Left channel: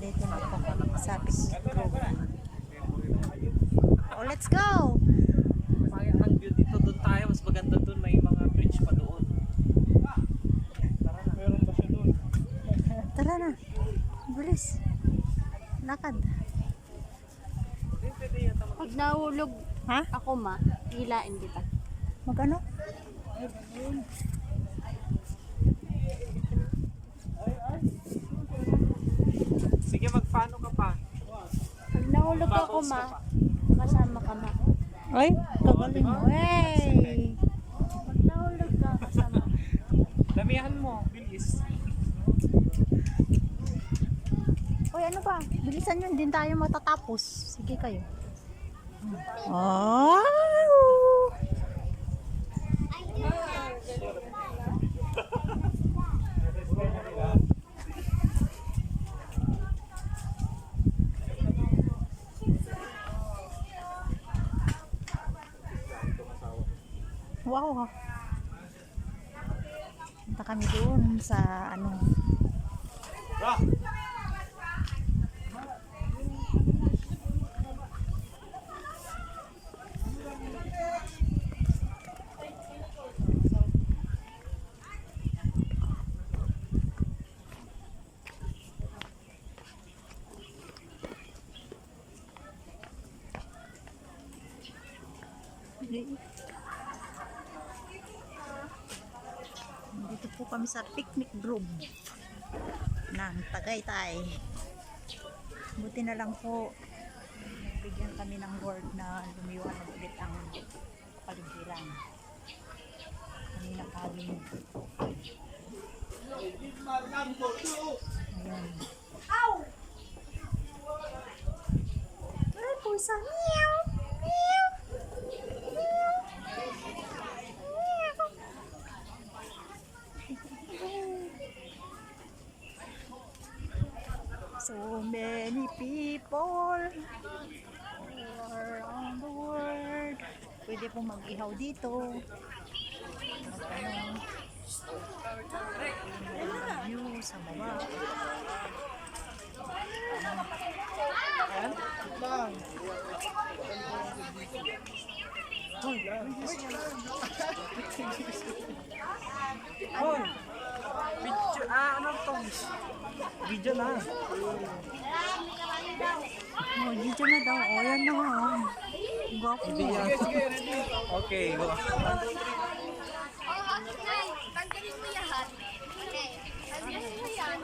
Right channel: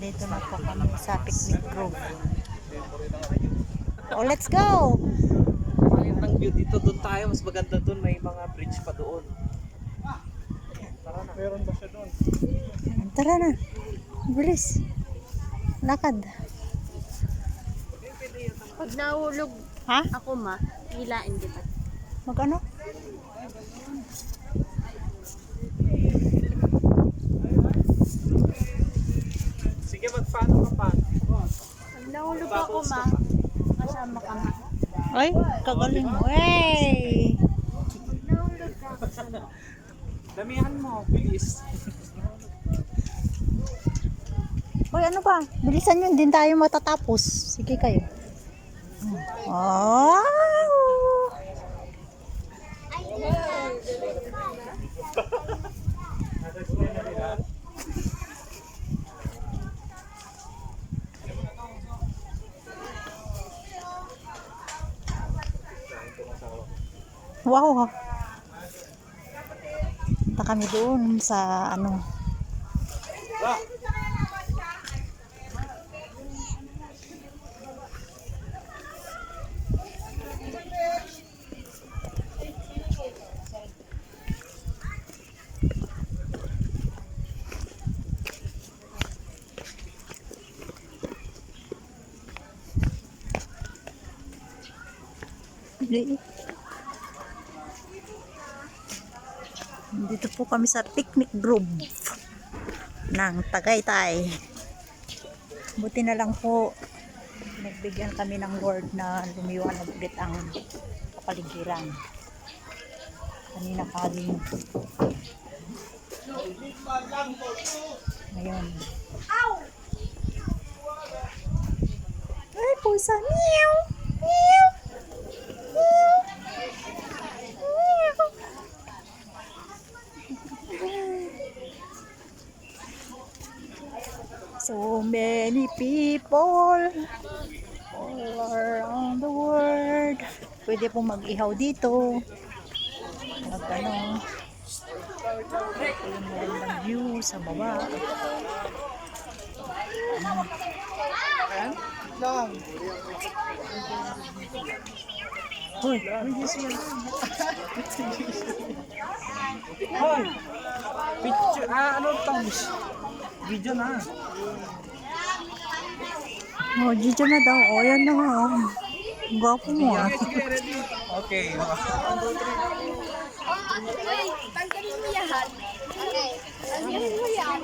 Nandito na po kami sa picnic grove. Oh, let's go! Ang view dito, doon tayo. Mas maganda doon. May mga bridge pa doon. Tara na. Meron ba siya doon? Tara na. Bilis. Lakad. Pag nahulog Ha? ako hilain kita. Mag-ano? Sige, magpaano ka pa? Pag nahulog ako kasama ka Ay, kagaling mo. Hey! Pag nahulog ka kasama. Damihan mo. Bilis. Hoy, ano ba? Bilisan yun, din tayo matatapos. Sige kayo. Wow! Wow! Punta kami doon sa ano. Dito po kami sa picnic grove ng Tagaytay. Buti na lang po nagbigyan kami ng Lord na lumiwanag ulit ang kapaligiran. Kanina kalim. Ayan. Ay, pusa. Meow! Meow! So many people all around the world. Pwede po mag-ihaw dito. Magtanong. Meron ng view sa baba. Hoy, Hoy! Picture. Ano to? Video na. oh, Gigi na daw. O, yan na nga. Oh. Gwapo mo. Okay. 1, 2, 3. Tanggalin mo yan. Okay. Tanggalin mo yan.